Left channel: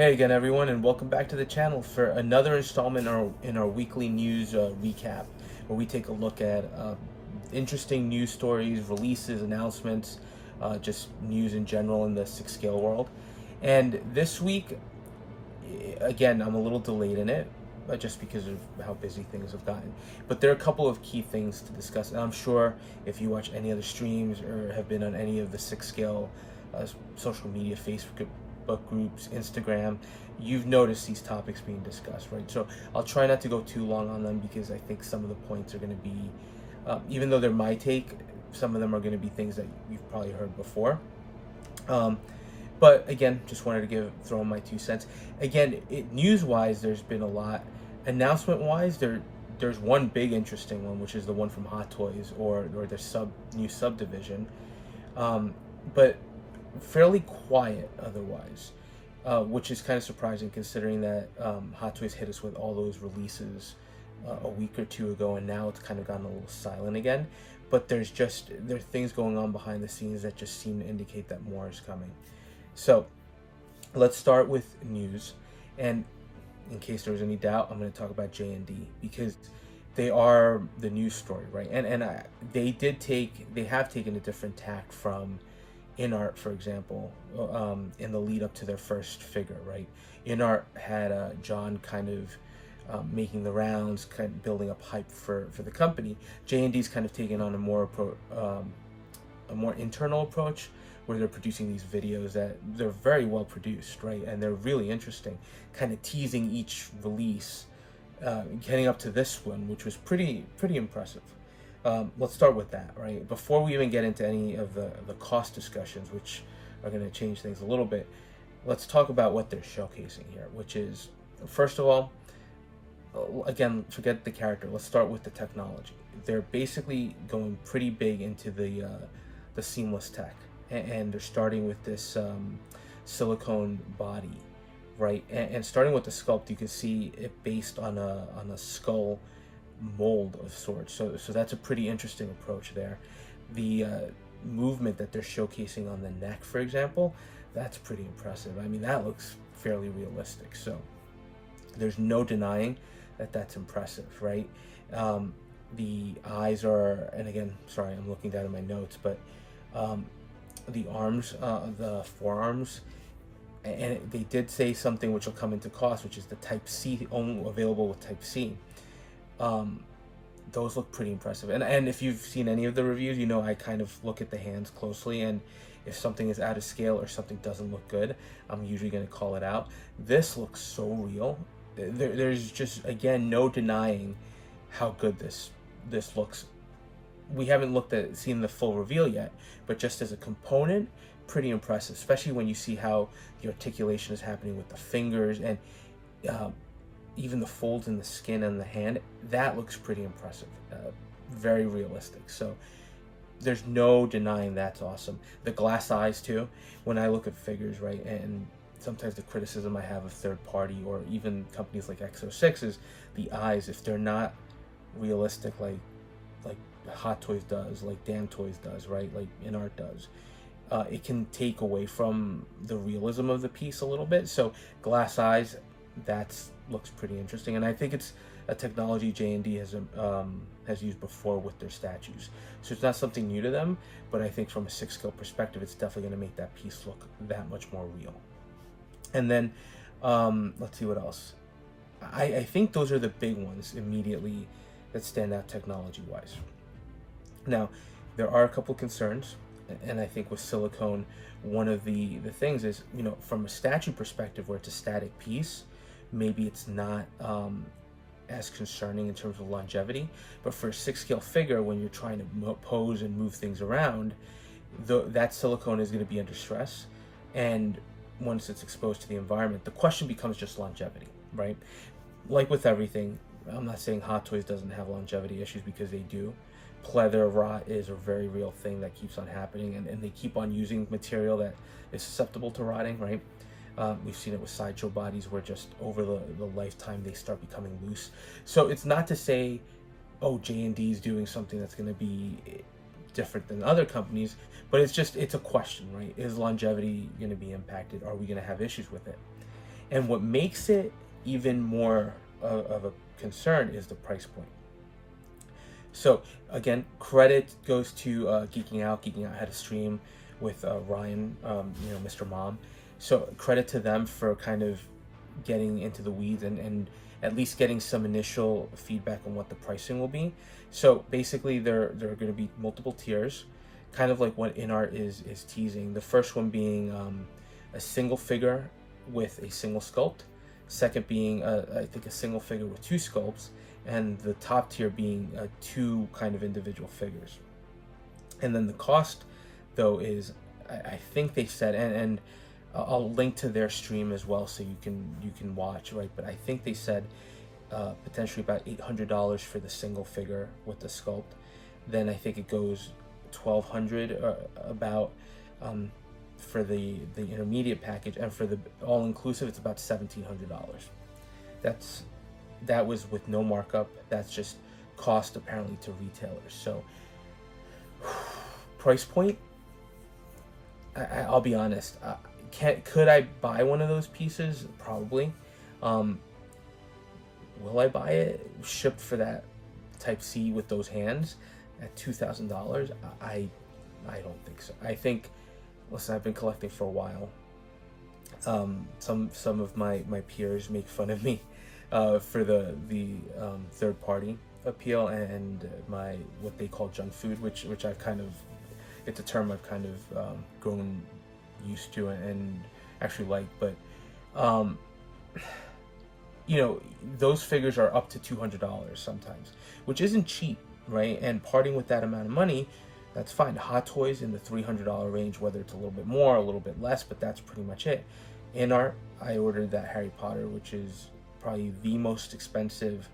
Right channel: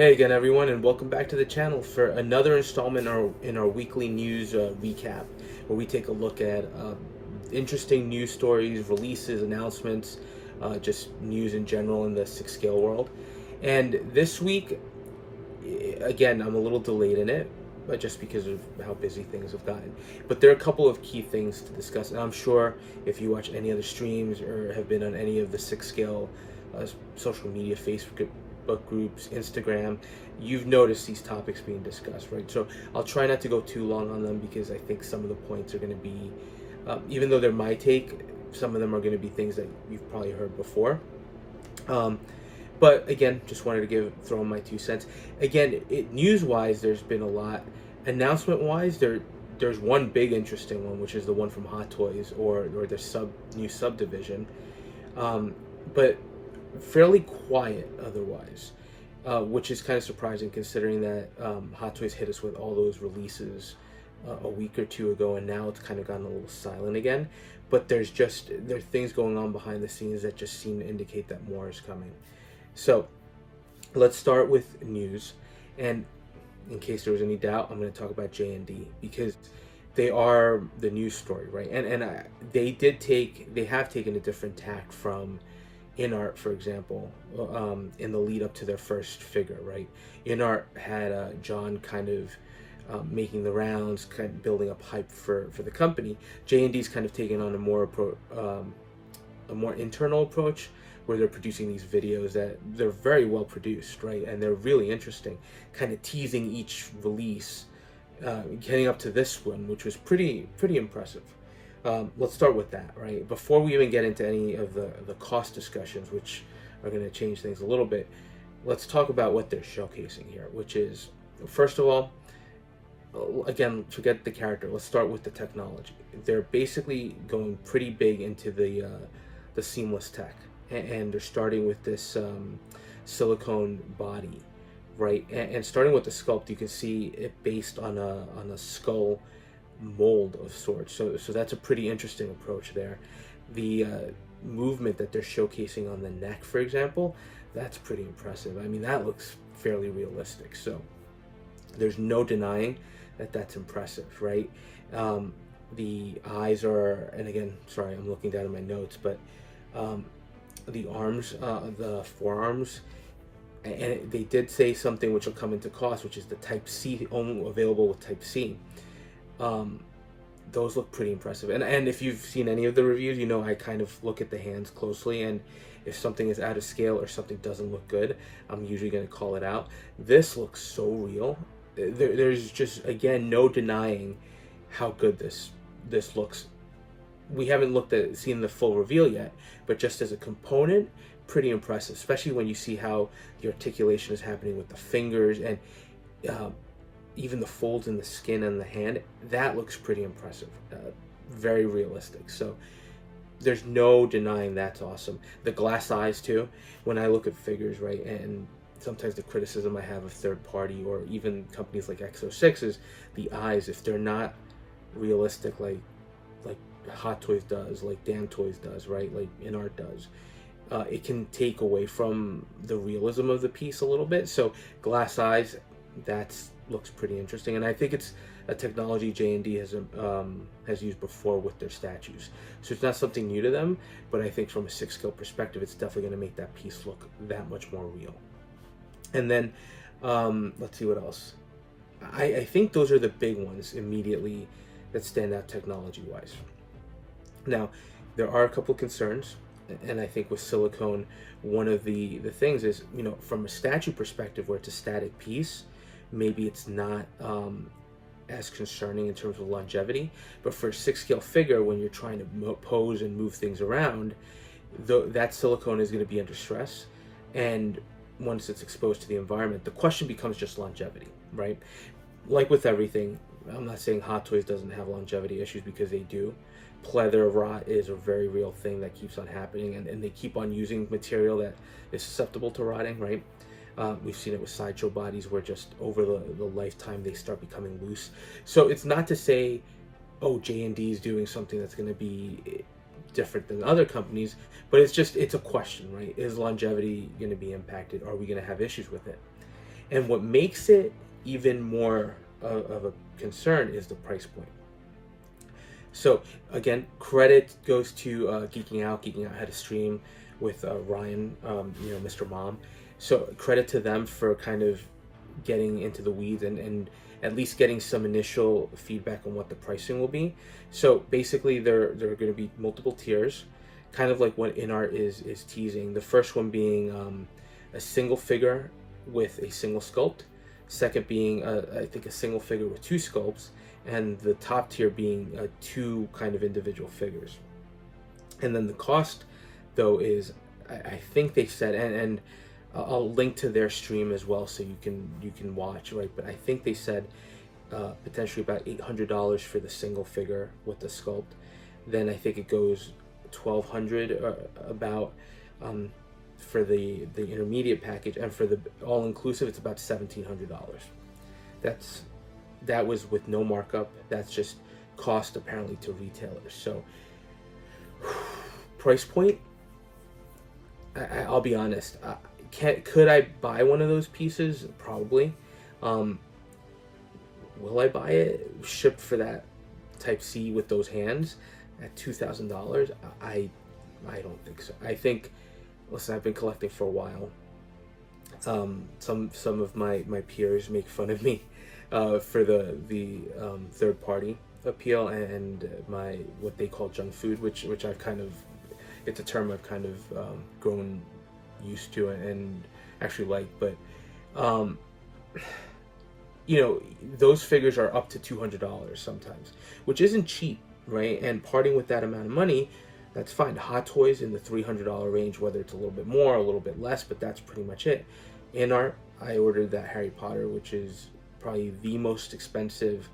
Hey again, everyone, and welcome back to the channel for another installment in our weekly news recap, where we take a look at interesting news stories, releases, announcements, just news in general in the 6-scale world. And this week, again, I'm a little delayed in it, just because of how busy things have gotten. But there are a couple of key things to discuss, and I'm sure if you watch any other streams or have been on any of the 6-scale social media, Facebook groups, Instagram, you've noticed these topics being discussed, right? So I'll try not to go too long on them because I think some of the points are going to be, even though they're my take, some of them are going to be things that you've probably heard before. But again, just wanted to throw in my 2 cents. Again, news-wise, there's been a lot. Announcement-wise, there's one big interesting one, which is the one from Hot Toys or their new subdivision. But fairly quiet otherwise, which is kind of surprising considering that Hot Toys hit us with all those releases a week or two ago, and now it's kind of gotten a little silent again. But there are things going on behind the scenes that just seem to indicate that more is coming. So let's start with news, and in case there was any doubt, I'm going to talk about J&D because they are the news story, right? They have taken a different tack from InArt, for example, in the lead up to their first figure, right? InArt had John kind of making the rounds, kind of building up hype for the company. J&D's kind of taken on a more internal approach, where they're producing these videos that they're very well produced, right? And they're really interesting, kind of teasing each release, getting up to this one, which was pretty impressive. Let's start with that, right? Before we even get into any of the cost discussions, which are going to change things a little bit, let's talk about what they're showcasing here, which is, first of all, again, forget the character. Let's start with the technology. They're basically going pretty big into the seamless tech, and they're starting with this silicone body, right? And starting with the sculpt, you can see it based on a skull mold of sorts, so that's a pretty interesting approach there. The movement that they're showcasing on the neck, for example, that's pretty impressive. I mean, that looks fairly realistic, so there's no denying that that's impressive, right? The eyes are, and again, sorry, I'm looking down at my notes, but the arms, the forearms, and they did say something which will come into cost, which is the Type C, only available with Type C. Those look pretty impressive, and if you've seen any of the reviews, you know I kind of look at the hands closely, and if something is out of scale or something doesn't look good, I'm usually going to call it out. This looks so real. There's just, again, no denying how good this looks. We haven't seen the full reveal yet, but just as a component, pretty impressive, especially when you see how the articulation is happening with the fingers and even the folds in the skin and the hand. That looks pretty impressive, very realistic. So there's no denying that's awesome. The glass eyes too, when I look at figures, right, and sometimes the criticism I have of third party or even companies like X06 is the eyes, if they're not realistic like Hot Toys does, like Damn Toys does, right, like InArt does, it can take away from the realism of the piece a little bit. So glass eyes, looks pretty interesting, and I think it's a technology J&D has used before with their statues, so it's not something new to them. But I think from a 6-scale perspective, it's definitely going to make that piece look that much more real. And then let's see what else. I think those are the big ones immediately that stand out technology wise. Now, there are a couple concerns, and I think with silicone, one of the things is, you know, from a statue perspective, where it's a static piece, maybe it's not as concerning in terms of longevity. But for a 6-scale figure, when you're trying to pose and move things around, that silicone is going to be under stress, and once it's exposed to the environment, the question becomes just longevity, right? Like with everything, I'm not saying Hot Toys doesn't have longevity issues, because they do. Pleather rot is a very real thing that keeps on happening, and they keep on using material that is susceptible to rotting, right? We've seen it with sideshow bodies, where just over the lifetime they start becoming loose. So it's not to say, oh, J&D is doing something that's going to be different than other companies, but it's a question, right? Is longevity going to be impacted? Are we going to have issues with it? And what makes it even more of a concern is the price point. So again, credit goes to Geeking Out. Geeking Out had a stream with Ryan, Mr. Mom. So credit to them for kind of getting into the weeds and at least getting some initial feedback on what the pricing will be. So basically, there are going to be multiple tiers, kind of like what InArt is teasing. The first one being a single figure with a single sculpt. Second being I think a single figure with 2 sculpts, and the top tier being 2 kind of individual figures. And then the cost, though, is I think they said, and I'll link to their stream as well so you can watch, right? But I think they said potentially about $800 for the single figure with the sculpt. Then I think it goes $1,200 about for the intermediate package, and for the all-inclusive it's about $1,700. That was with no markup. That's just cost apparently to retailers. So price point, I'll be honest, could I buy one of those pieces? Probably. Will I buy it shipped for that Type C with those hands at $2,000? I don't think so. I think, listen, I've been collecting for a while. Some of my peers make fun of me for the third party appeal and my what they call junk food, which I've kind of, it's a term I've kind of grown used to and actually like. But those figures are up to $200 sometimes, which isn't cheap, right? And parting with that amount of money, that's fine. Hot Toys in the $300 range, whether it's a little bit more, a little bit less, but that's pretty much it. InArt, I ordered that Harry Potter, which is probably the most expensive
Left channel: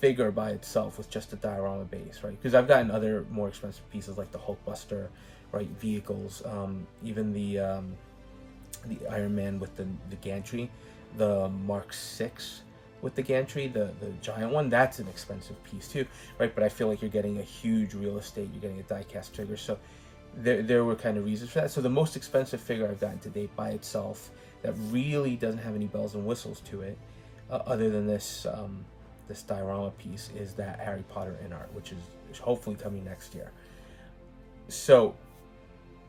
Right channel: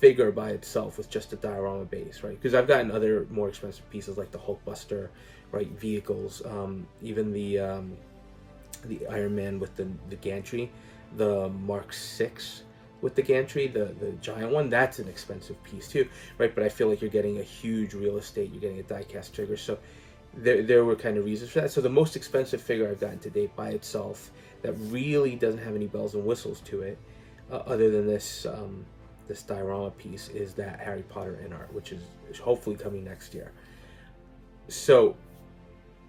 figure by itself with just a diorama base, right? Because I've gotten other more expensive pieces like the Hulkbuster, right? Vehicles, even the Iron Man with the gantry, the Mark 6 with the gantry, the giant one, that's an expensive piece too, right? But I feel like you're getting a huge real estate, you're getting a die-cast figure, so there were kind of reasons for that. So the most expensive figure I've gotten to date by itself that really doesn't have any bells and whistles to it, other than this this diorama piece, is that Harry Potter InArt, which is hopefully coming next year. So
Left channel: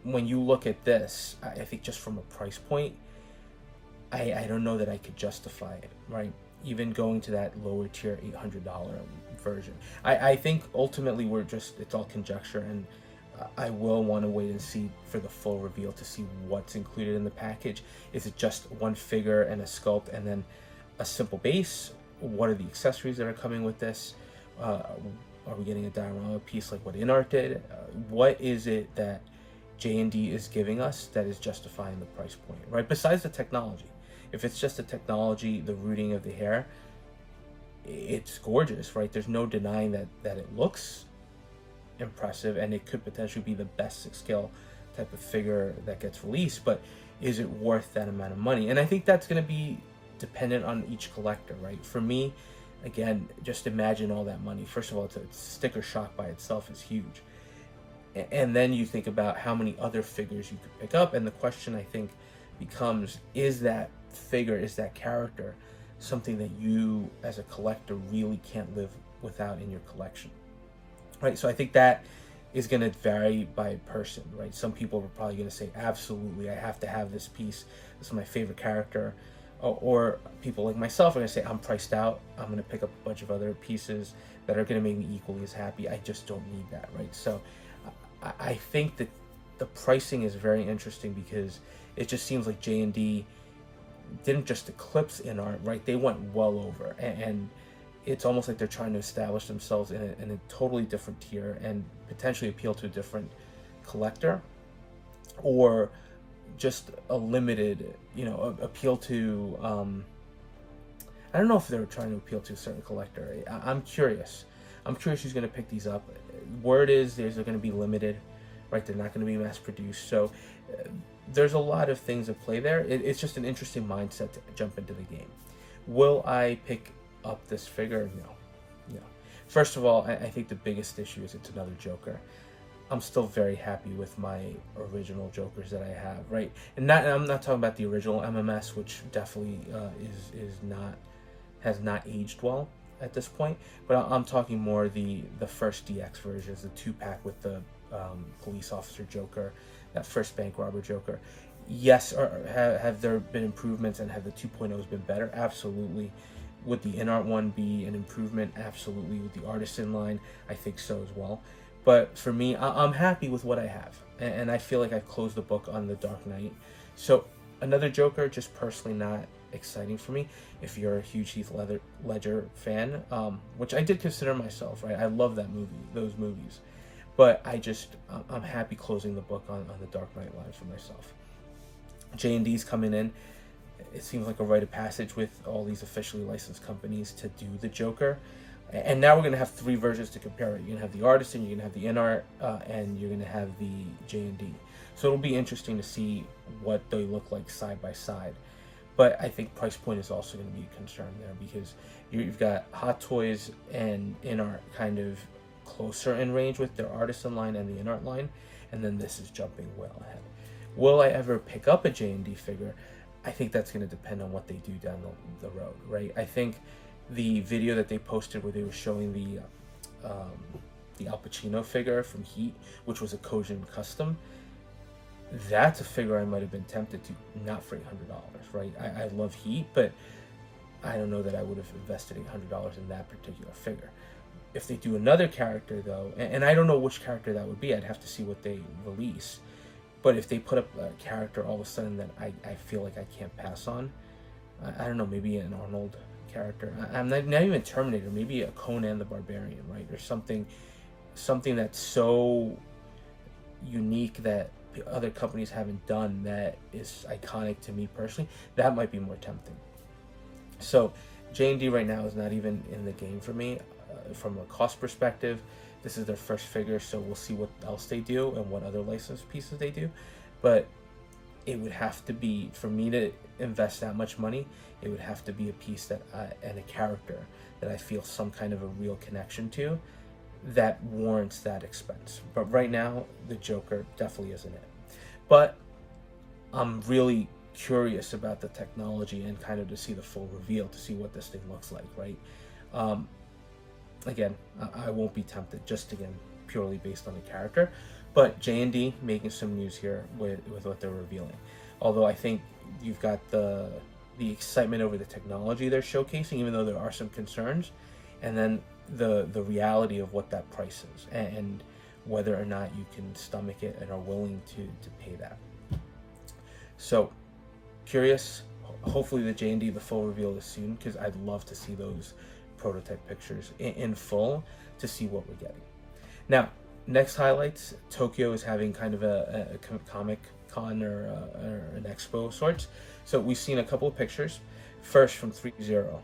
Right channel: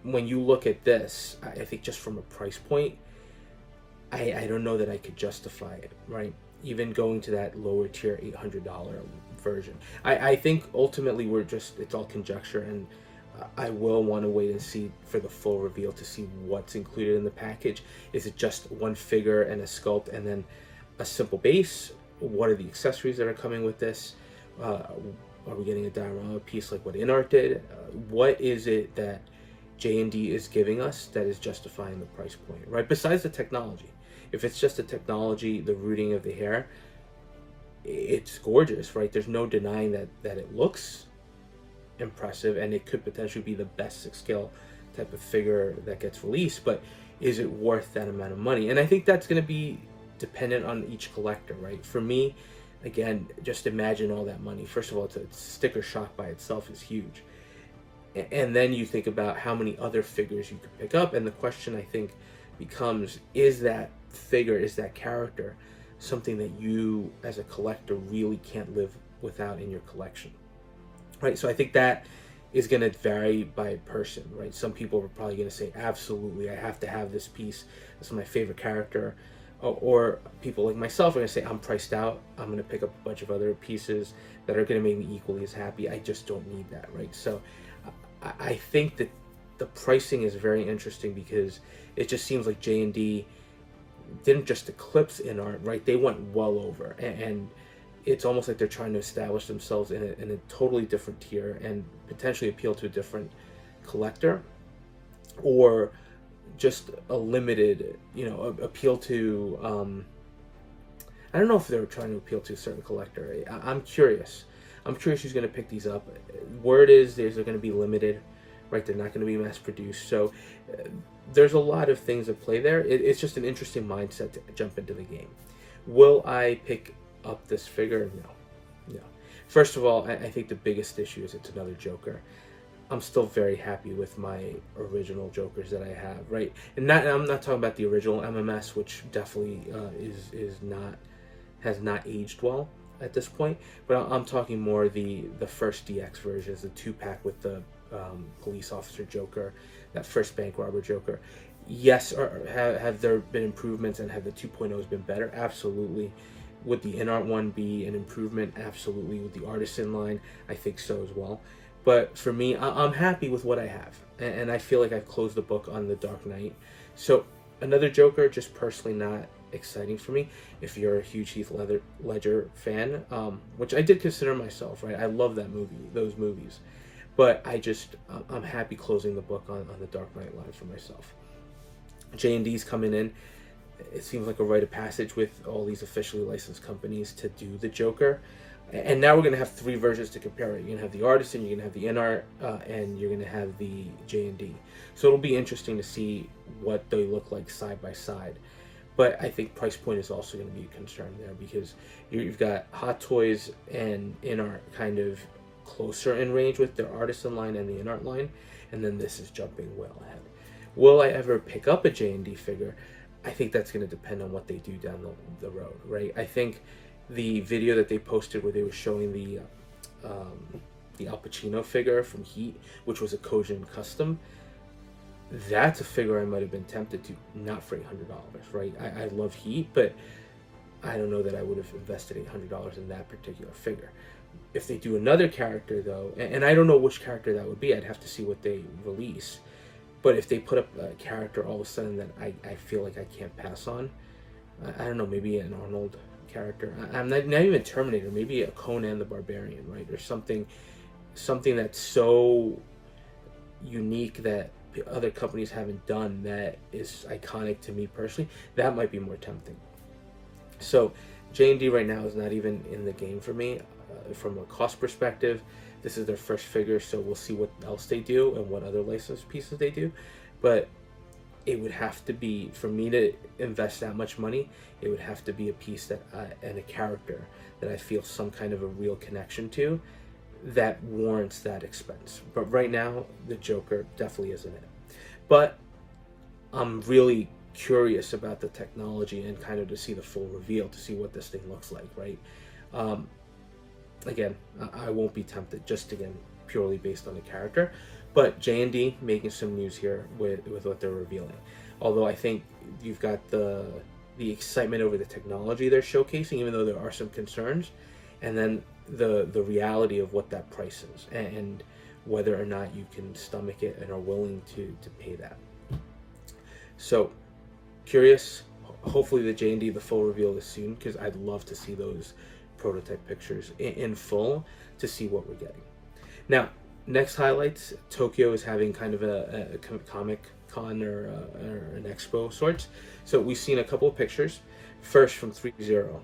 when you look at this, I think just from a price point, I don't know that I could justify it, right? Even going to that lower tier $800 version. I think ultimately it's all conjecture, and I will want to wait and see for the full reveal to see what's included in the package. Is it just one figure and a sculpt and then a simple base? What are the accessories that are coming with this? Are we getting a diorama piece like what InArt did? What is it that J&D is giving us that is justifying the price point, right? Besides the technology. If it's just the technology, the rooting of the hair, it's gorgeous, right? There's no denying that it looks impressive, and it could potentially be the best 6-scale type of figure that gets released, but is it worth that amount of money? And I think that's going to be dependent on each collector, right? For me, again, just imagine all that money. First of all, it's sticker shock by itself is huge. And then you think about how many other figures you could pick up, and the question I think becomes, is that figure, is that character something that you as a collector really can't live without in your collection, right? So I think that is going to vary by person, right? Some people are probably going to say, absolutely, I have to have this piece, this is my favorite character. Or people like myself are going to say, I'm priced out, I'm going to pick up a bunch of other pieces that are going to make me equally as happy. I just don't need that, right? So I think that the pricing is very interesting because it just seems like J&D didn't just eclipse InArt, right? They went well over, and it's almost like they're trying to establish themselves in a totally different tier and potentially appeal to a different collector, or just a limited, appeal to, I don't know if they were trying to appeal to a certain collector. I'm curious who's going to pick these up. Word is they're going to be limited, right? They're not going to be mass produced. So there's a lot of things at play there. It's just an interesting mindset to jump into the game. Will I pick up this figure? No. First of all, I think the biggest issue is it's another Joker. I'm still very happy with my original Jokers that I have, right? And I'm not talking about the original MMS, which definitely has not aged well at this point. But I'm talking more the first DX versions, the 2-pack with the police officer Joker, that first bank robber Joker. Yes, or have there been improvements, and have the 2.0s been better? Absolutely. Would the in-art one be an improvement? Absolutely. With the Artisan line, I think so as well. But for me, I'm happy with what I have, and I feel like I've closed the book on the Dark Knight. So another Joker, just personally not exciting for me. If you're a huge Heath Ledger fan, which I did consider myself, right? I love that movie, those movies, but I'm happy closing the book on the Dark Knight line for myself. J&D's coming in. It seems like a rite of passage with all these officially licensed companies to do the Joker. And now we're going to have 3 versions to compare it. You're going to have the Artisan, you're going to have the in-art, and you're going to have the J&D. So it'll be interesting to see what they look like side by side. But I think price point is also going to be a concern there, because you've got Hot Toys and in-art kind of closer in range with their Artisan line and the in-art line, and then this is jumping well ahead. Will I ever pick up a J&D figure? I think that's going to depend on what they do down the road, right? I think the video that they posted where they were showing the Al Pacino figure from Heat, which was a Kojun custom, that's a figure I might have been tempted to, not for $800, right? I love Heat, but I don't know that I would have invested $800 in that particular figure. If they do another character, though, and I don't know which character that would be, I'd have to see what they release. But if they put up a character all of a sudden that I feel like I can't pass on, I don't know, maybe an Arnold character. I'm not even Terminator, maybe a Conan the Barbarian, right? Or something that's so unique that other companies haven't done, that is iconic to me personally. That might be more tempting. So J&D right now is not even in the game for me from a cost perspective. This is their first figure, so we'll see what else they do and what other licensed pieces they do. But it would have to be, for me to invest that much money, it would have to be a piece that and a character that I feel some kind of a real connection to that warrants that expense. But right now, the Joker definitely isn't it. But I'm really curious about the technology and kind of to see the full reveal, to see what this thing looks like, right? Again, I won't be tempted, just again purely based on the character. But J&D making some news here with what they're revealing. Although I think you've got the excitement over the technology they're showcasing, even though there are some concerns, and then the reality of what that price is, and whether or not you can stomach it and are willing to pay that. So curious. Hopefully the J&D, the full reveal is soon, because I'd love to see those prototype pictures in full to see what we're getting. Now, next highlights, Tokyo is having kind of a comic con or an expo of sorts. So we've seen a couple of pictures. First from 3.0.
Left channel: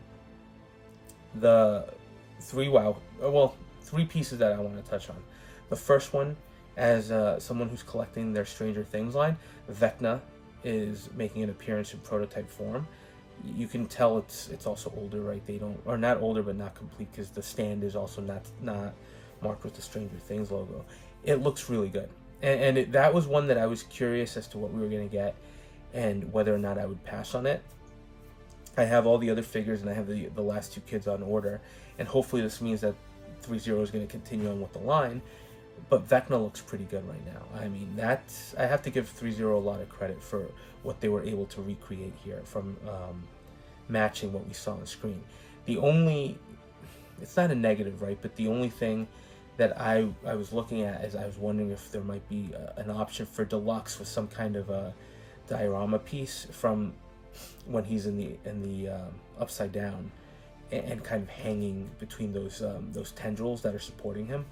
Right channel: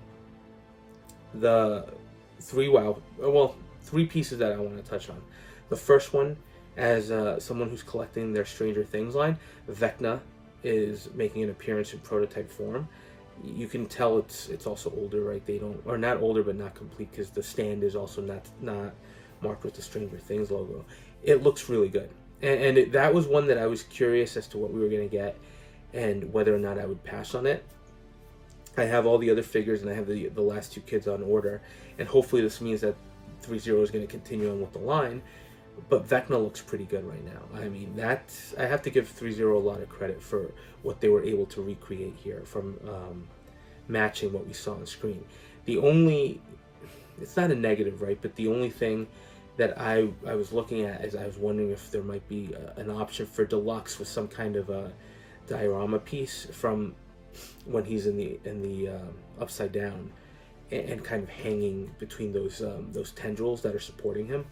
The three pieces that I want to touch on. The first one, as someone who's collecting their Stranger Things line, Vecna is making an appearance in prototype form. You can tell it's also older, right? They don't, or not older, but not complete, because the stand is also not marked with the Stranger Things logo. It looks really good, and that was one that I was curious as to what we were going to get and whether or not I would pass on it. I have all the other figures, and I have the last 2 kids on order, and hopefully this means that 3.0 is going to continue on with the line. But Vecna looks pretty good right now. I mean, I have to give 3.0 a lot of credit for what they were able to recreate here, from matching what we saw on screen. It's not a negative, right? But the only thing that I was looking at is I was wondering if there might be an option for deluxe with some kind of a diorama piece from when he's in the upside down and kind of hanging between those tendrils that are supporting him.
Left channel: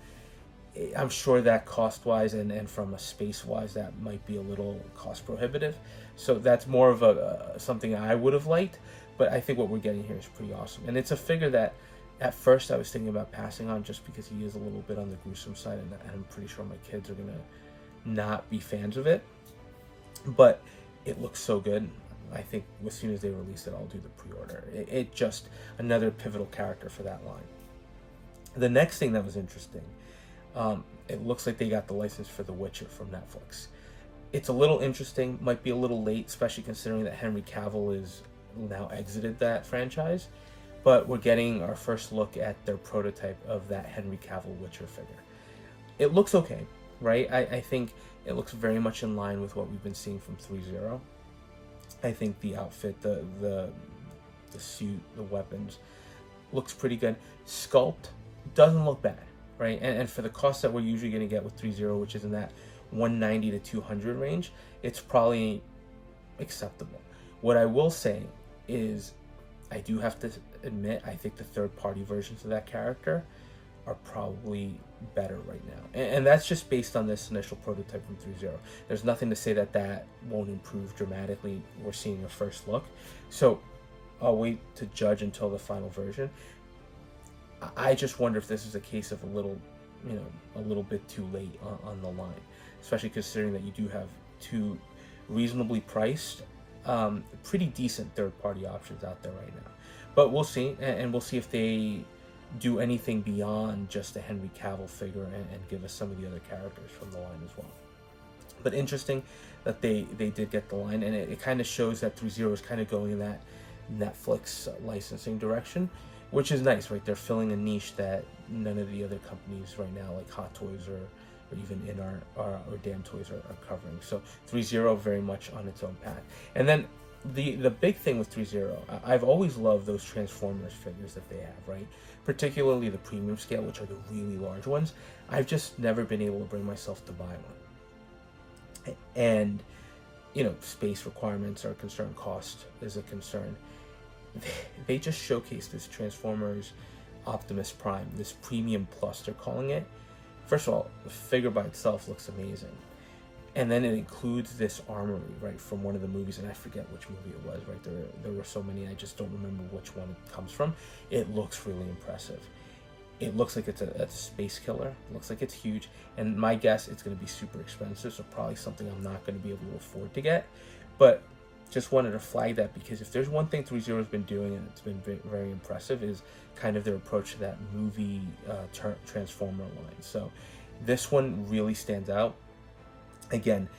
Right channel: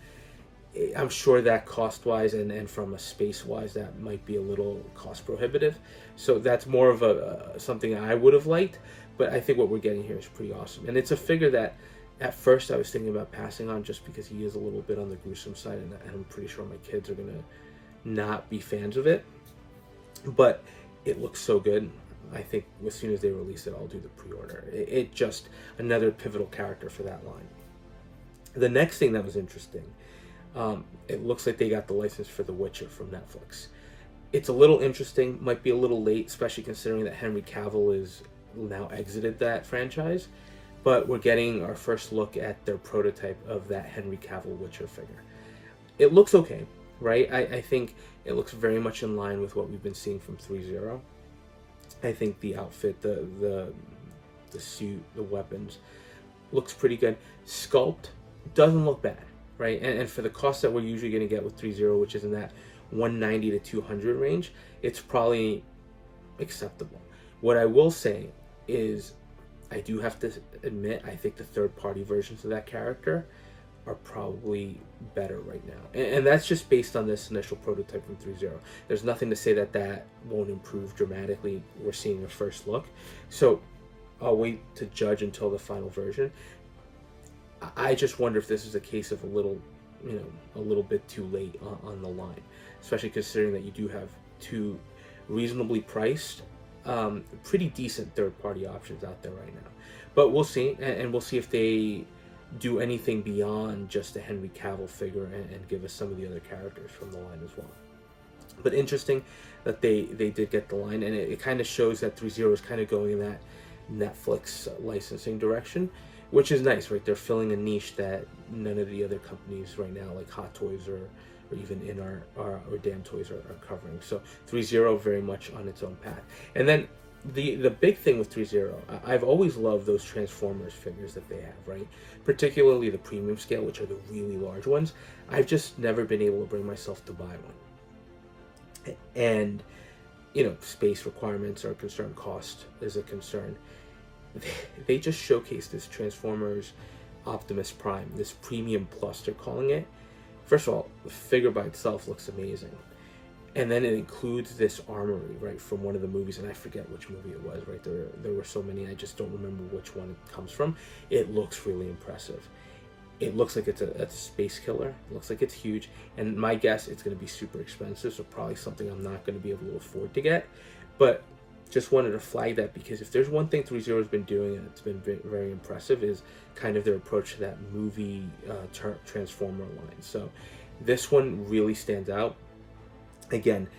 I'm sure that cost-wise and from a space-wise, that might be a little cost-prohibitive. So that's more of something I would have liked, but I think what we're getting here is pretty awesome. And it's a figure that at first I was thinking about passing on, just because he is a little bit on the gruesome side, and I'm pretty sure my kids are going to not be fans of it. But it looks so good. I think as soon as they release it, I'll do the pre-order. It just another pivotal character for that line. The next thing that was interesting, It looks like they got the license for The Witcher from Netflix. It's a little interesting, might be a little late, especially considering that Henry Cavill is now exited that franchise. But we're getting our first look at their prototype of that Henry Cavill Witcher figure. It looks okay, right? I think it looks very much in line with what we've been seeing from 3.0. I think the outfit, the suit, the weapons, looks pretty good. Sculpt doesn't look bad, right? And for the cost that we're usually going to get with 3.0, which is in that 190 to 200 range, it's probably acceptable. What I will say is, I do have to admit, I think the third-party versions of that character are probably better right now. And that's just based on this initial prototype from 3.0. There's nothing to say that that won't improve dramatically. We're seeing a first look. So I'll wait to judge until the final version. I just wonder if this is a case of a little bit too late on the line, especially considering that you do have two reasonably priced, pretty decent third-party options out there right now. But we'll see, and we'll see if they do anything beyond just a Henry Cavill figure and give us some of the other characters from the line as well. But interesting that they did get the line, and it kind of shows that 3.0 is kind of going in that Netflix licensing direction, which is nice, right? They're filling a niche that none of the other companies right now, like Hot Toys or even In or Damn Toys are covering. So 3.0 very much on its own path. And then the big thing with 3.0, I've always loved those Transformers figures that they have, right? Particularly the premium scale, which are the really large ones. I've just never been able to bring myself to buy one. And, space requirements are a concern, cost is a concern. They just showcased this Transformers Optimus Prime, this Premium Plus, they're calling it. First of all, the figure by itself looks amazing. And then it includes this armory, right, from one of the movies, and I forget which movie it was, right? There were so many, I just don't remember which one it comes from. It looks really impressive. It looks like it's a space killer. It looks like it's huge. And my guess, it's going to be super expensive, so probably something I'm not going to be able to afford to get. But just wanted to flag that, because if there's one thing 3.0 has been doing, and it's been very impressive, is kind of their approach to that movie Transformer line. So this one really stands out. Again,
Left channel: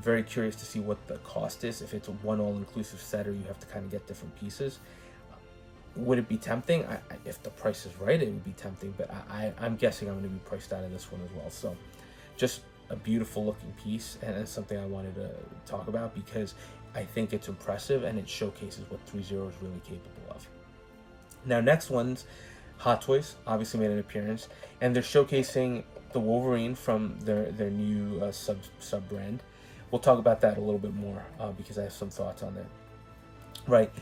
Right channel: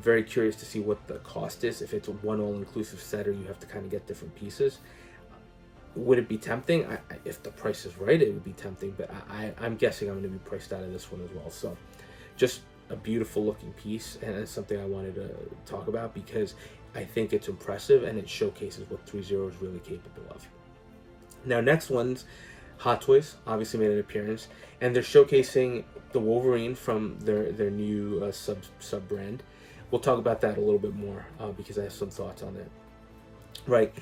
very curious to see what the cost is, if it's a one all-inclusive set or you have to kind of get different pieces. Would it be tempting? If the price is right, it would be tempting, but I'm guessing I'm going to be priced out of this one as well. So just a beautiful looking piece, and it's something I wanted to talk about because I think it's impressive and it showcases what 3.0 is really capable of. Now, next one's Hot Toys obviously made an appearance, and they're showcasing the Wolverine from their new sub brand. We'll talk about that a little bit more because I have some thoughts on that. Right,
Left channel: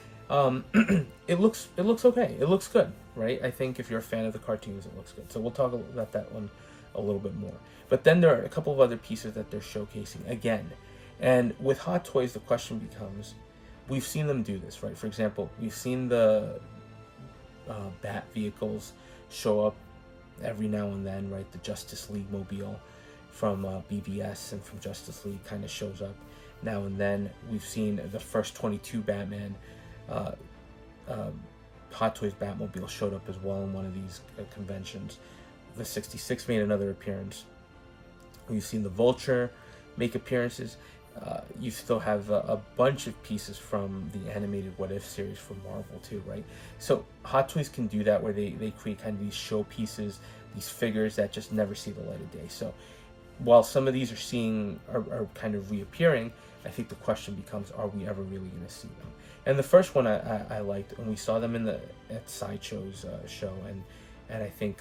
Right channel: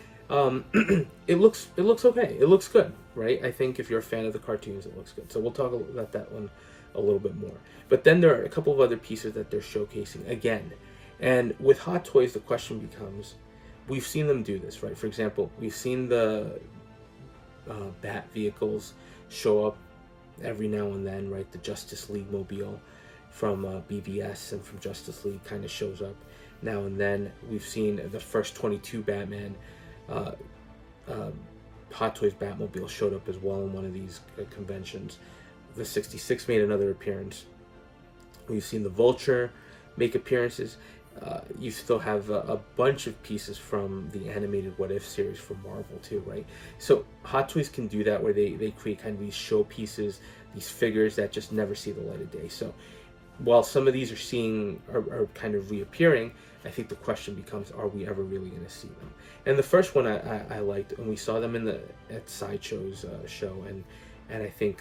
it looks okay. It looks good, right? I think if you're a fan of the cartoons, it looks good. So we'll talk about that one a little bit more. But then there are a couple of other pieces that they're showcasing again. And with Hot Toys, the question becomes, we've seen them do this, right? For example, we've seen the Bat vehicles show up every now and then, right? The Justice League mobile from BBS and from Justice League kind of shows up now and then. We've seen the first 22 Batman Hot Toys Batmobile showed up as well in one of these conventions. The 66 made another appearance. We've seen the Vulture make appearances. You still have a bunch of pieces from the animated What If series from Marvel too, right? So Hot Toys can do that, where they create kind of these show pieces, these figures that just never see the light of day. So while some of these are kind of reappearing, I think the question becomes, are we ever really going to see them? And the first one I liked, and we saw them at Sideshow's show, and I think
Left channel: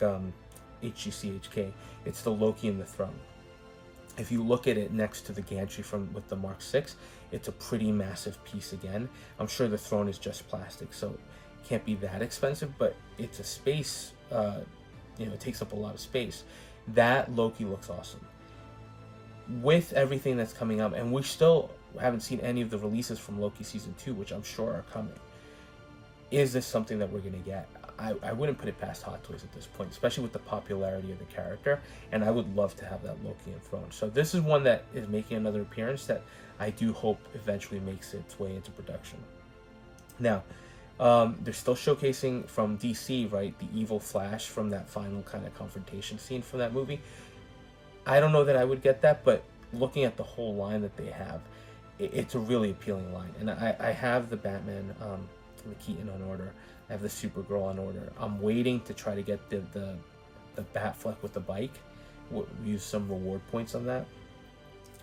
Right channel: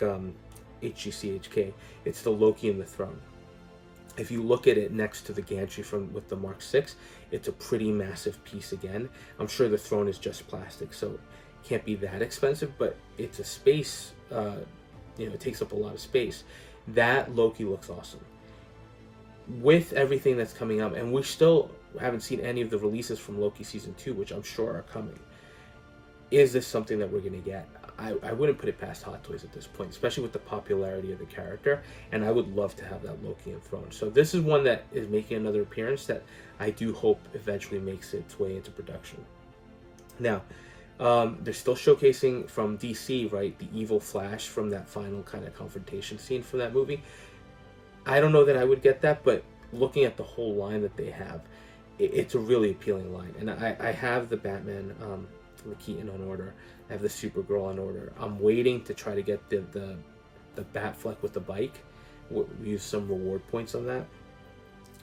HGCHK, it's the Loki and the Throne. If you look at it next to the gantry with the Mark 6, it's a pretty massive piece again. I'm sure the throne is just plastic, so it can't be that expensive, but it's a space, it takes up a lot of space. That Loki looks awesome. With everything that's coming up, and we still haven't seen any of the releases from Loki Season 2, which I'm sure are coming. Is this something that we're going to get? I wouldn't put it past Hot Toys at this point, especially with the popularity of the character, and I would love to have that Loki and Throne. So this is one that is making another appearance that I do hope eventually makes its way into production. Now, they're still showcasing from DC, right, the evil Flash from that final kind of confrontation scene from that movie. I don't know that I would get that, but looking at the whole line that they have, it's a really appealing line. And I have the Batman, the Keaton on order. I have the Supergirl on order. I'm waiting to try to get the Batfleck with the bike. We'll use some reward points on that,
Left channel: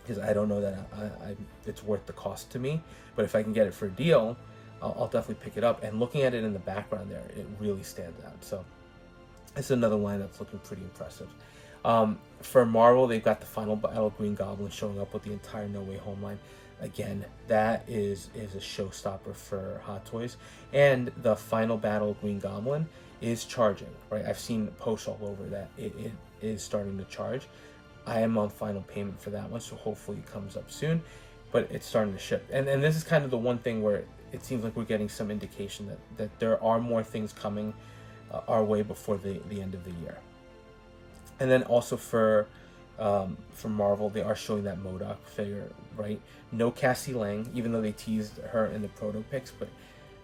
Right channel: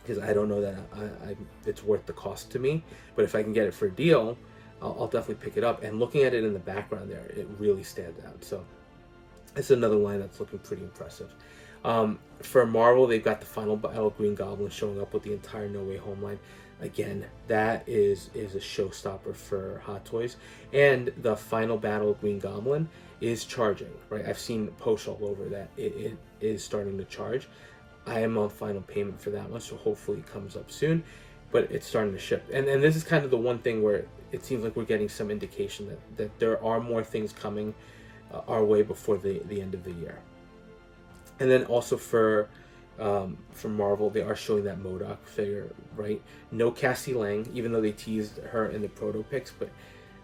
because I don't know that it's worth the cost to me. But if I can get it for a deal, I'll definitely pick it up. And looking at it in the background there, it really stands out. So it's another line that's looking pretty impressive. For Marvel, they've got the final battle Green Goblin showing up with the entire No Way Home line. Again, that is a showstopper for Hot Toys. And the final battle Green Goblin is charging, right? I've seen posts all over that it is starting to charge. I am on final payment for that one, so hopefully it comes up soon. But it's starting to ship. And this is kind of the one thing where it seems like we're getting some indication that there are more things coming our way before the end of the year. And then also for Marvel, they are showing that Modok figure, right? No Cassie Lang, even though they teased her in the proto pics, but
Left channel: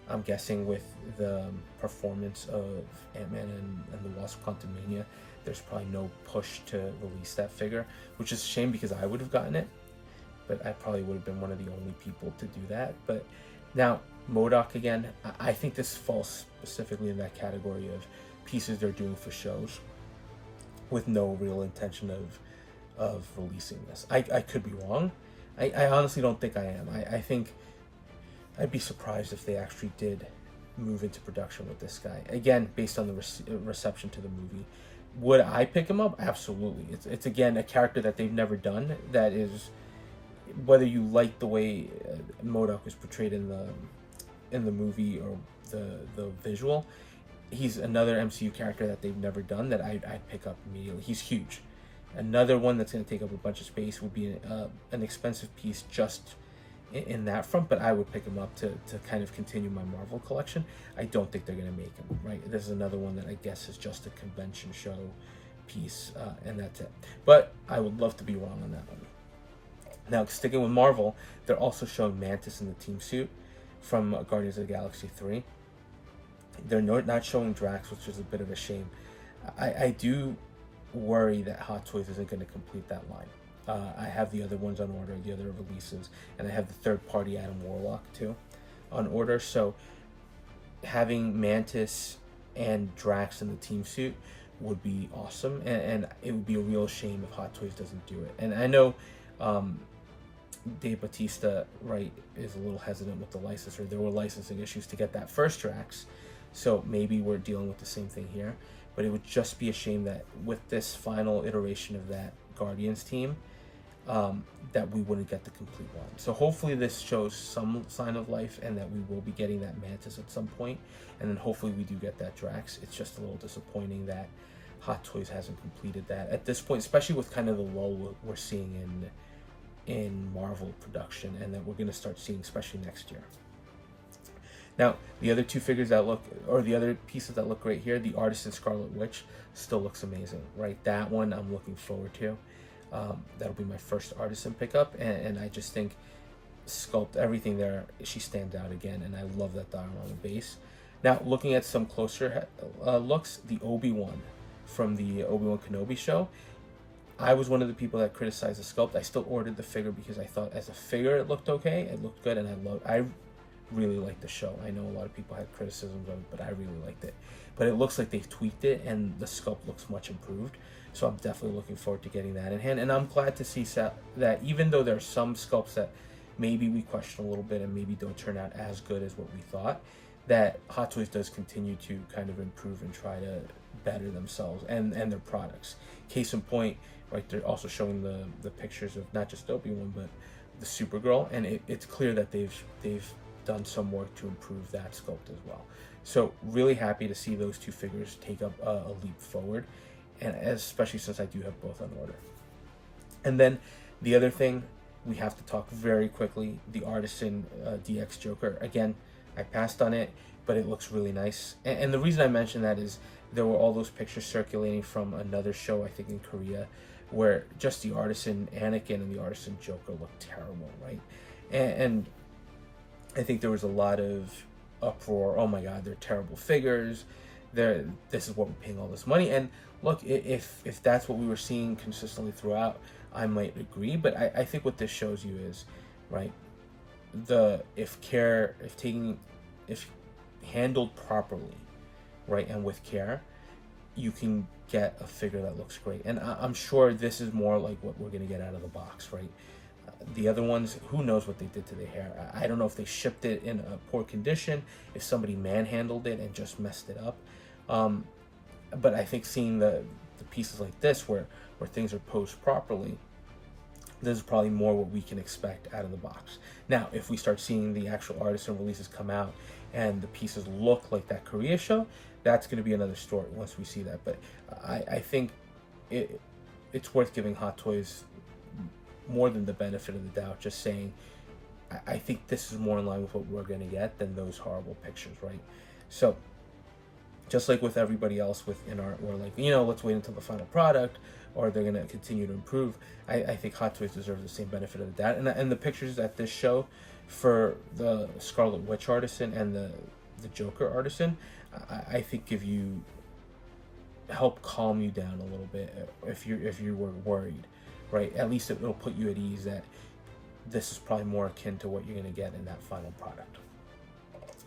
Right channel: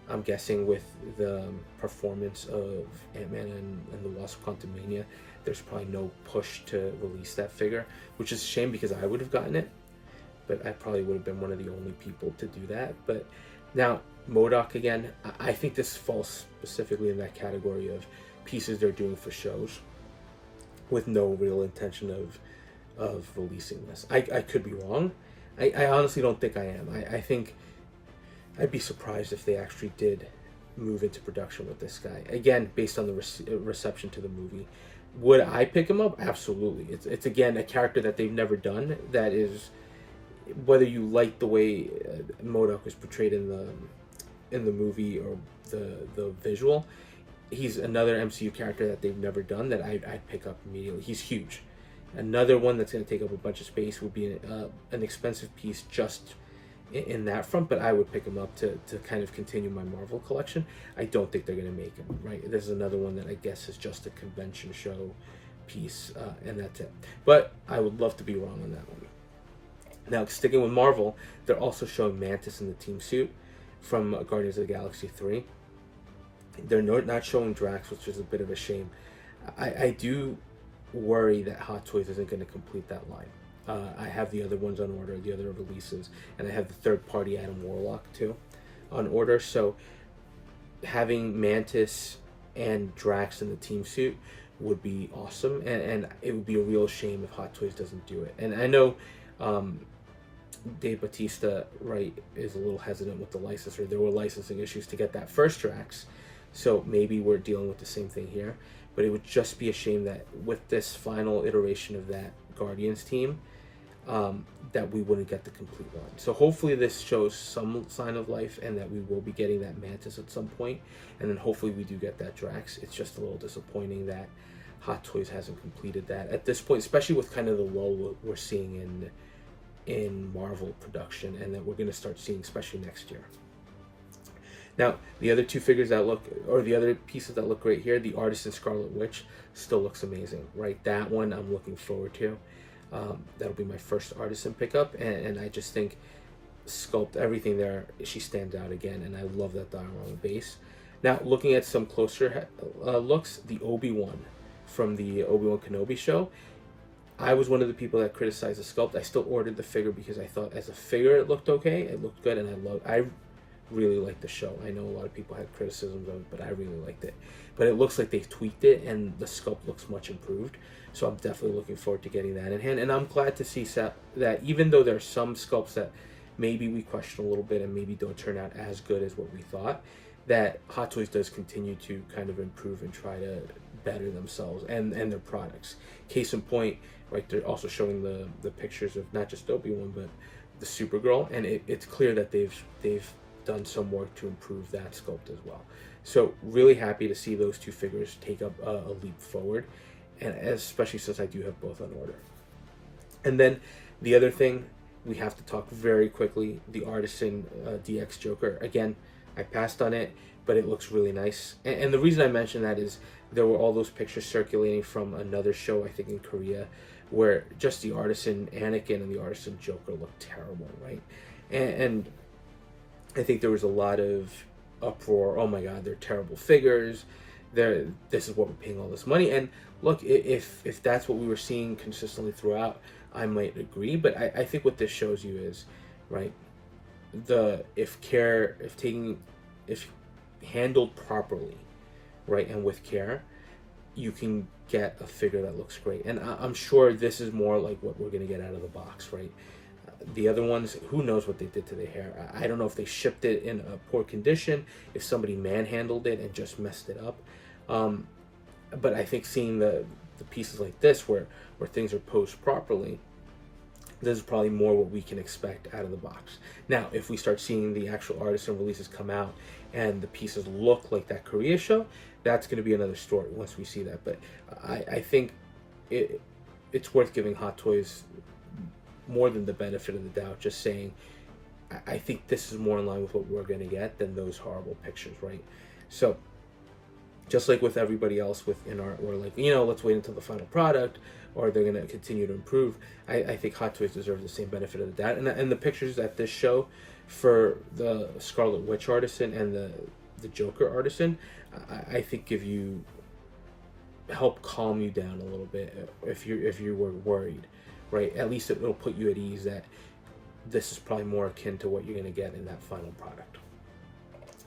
I'm guessing with the performance of Ant-Man and the Wasp: Quantumania, there's probably no push to release that figure, which is a shame because I would have gotten it, but I probably would have been one of the only people to do that. But now, Modok again, I think this falls specifically in that category of pieces they're doing for shows with no real intention of releasing this. I could be wrong. I honestly don't think I am. I think I'd be surprised if they actually did move into production with this guy. Again, based on the reception to the movie. Would I pick him up? Absolutely. It's again a character that they've never done. That is, whether you like the way Modok was portrayed in the movie or the visual, he's another MCU character that they've never done that I'd pick up immediately. He's huge. Another one that's going to take up a bunch of space would be an expensive piece just in that front, but I would pick him up to kind of continue my Marvel collection. I don't think they're going to make him, right? This is another one that I guess is just a convention show piece, and that's it. But I would love to be wrong on that one. Now, sticking with Marvel, they're also showing Mantis in the team suit from Guardians of the Galaxy 3. They're not showing Drax, which is a bit of a shame. I do worry that Hot Toys isn't going to complete that line. I have the other ones on order, the other releases, and I have the third-party Adam Warlock too on order. So having Mantis and Drax in the team suit would be awesome, and it would be a real shame if Hot Toys doesn't do it. And I know Dave Bautista, right, is a little hesitant with the licensor. There were licensing issues to get that first Drax, so maybe we're dealing with the same thing here. But it would just be a shame that with this final iteration of that Guardians team, that we wouldn't get the complete line. So hopefully this shows some sign of life and that we will be getting that Mantis at some point, and then hopefully we do get that Drax. It's just a little disappointing that Hot Toys hasn't completed that at this point, especially with kind of the lull we're seeing in Marvel production, and that we're going to start seeing especially next year. Now, the other two figures that look, or the other pieces that look great here, the Artisan Scarlet Witch still looks amazing, right? That one I'm looking forward to. That'll be my first Artisan pickup, and I just think sculpt everything there, she stands out again, and I love that diorama base. Now, looking at some closer looks, the Obi-Wan from the Obi-Wan Kenobi show, I was one of the people that criticized the sculpt. I still ordered the figure because I thought as a figure it looked okay, it looked good, and I really liked the show. I know a lot of people had criticisms of it, but I really liked it. But it looks like they've tweaked it, and the sculpt looks much improved. So I'm definitely looking forward to getting that in hand. And I'm glad to see that even though there are some sculpts that maybe we question a little bit and maybe don't turn out as good as what we thought, that Hot Toys does continue to kind of improve and try to better themselves and their products. Case in point, right, they're also showing the pictures of not just Obi-Wan, but the Supergirl, and it's clear that they've done some work to improve that sculpt as well. So really happy to see those two figures take up a leap forward, and especially since I do have both on order. And then the other thing we have to talk very quickly, the Artisan DX Joker. Again, I passed on it, but it looks really nice. And the reason I mention that is there were all those pictures circulating from another show, I think in Korea, where just the Artisan Anakin and the Artisan Joker looked terrible, right? And I think there was a lot of uproar. Oh my God, they're terrible figures. this is what we're paying all this money. And look, if that's what we were seeing consistently throughout, I might agree. But I think what this shows you is, right, if handled properly, right, and with care, you can get a figure that looks great. And I'm sure this is more like what we're going to get out of the box, right? The other ones, who knows what they did to the hair. I don't know if they shipped it in a poor condition, if somebody manhandled it and just messed it up. But I think seeing the pieces like this where things are posed properly, this is probably more what we can expect out of the box. Now, if we start seeing the actual Artisan releases come out and the pieces look like that Korea show, that's going to be another story once we see that. But I think it's worth giving Hot Toys more than the benefit of the doubt, just saying I think this is more in line with what we're going to get than those horrible pictures, right? So just like with everybody else within art, we're like, let's wait until the final product, or they're going to continue to improve. I think Hot Toys deserves the same benefit of the doubt. And the pictures at this show for the Scarlet Witch Artisan and the Joker Artisan, I think help calm you down a little bit if you were worried, right? At least it'll put you at ease that this is probably more akin to what you're going to get in that final product.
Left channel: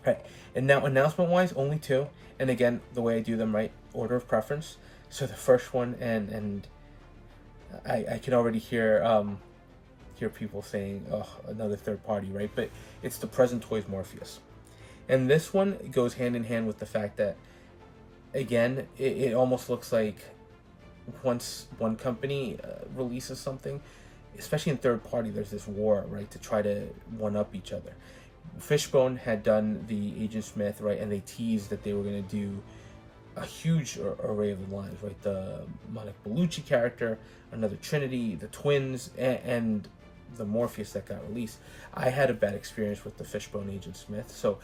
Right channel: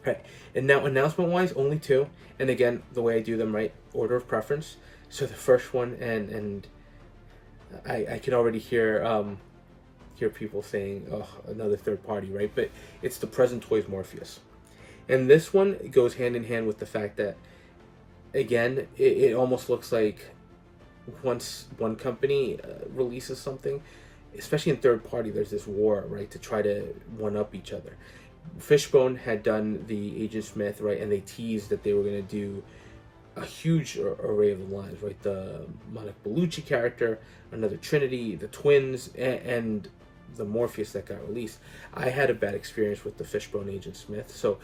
Right, and now announcement-wise, only 2. And again, the way I do them, right, order of preference. So the first one, and I can already hear people saying, oh, another third party, right? But it's the Present Toys Morpheus. And this one goes hand in hand with the fact that, again, it almost looks like once one company releases something, especially in third party, there's this war, right, to try to one-up each other. Fishbone had done the Agent Smith, right, and they teased that they were going to do a huge array of the lines, right? The Monica Bellucci character, another Trinity, the twins, and the Morpheus that got released. I had a bad experience with the Fishbone Agent Smith, so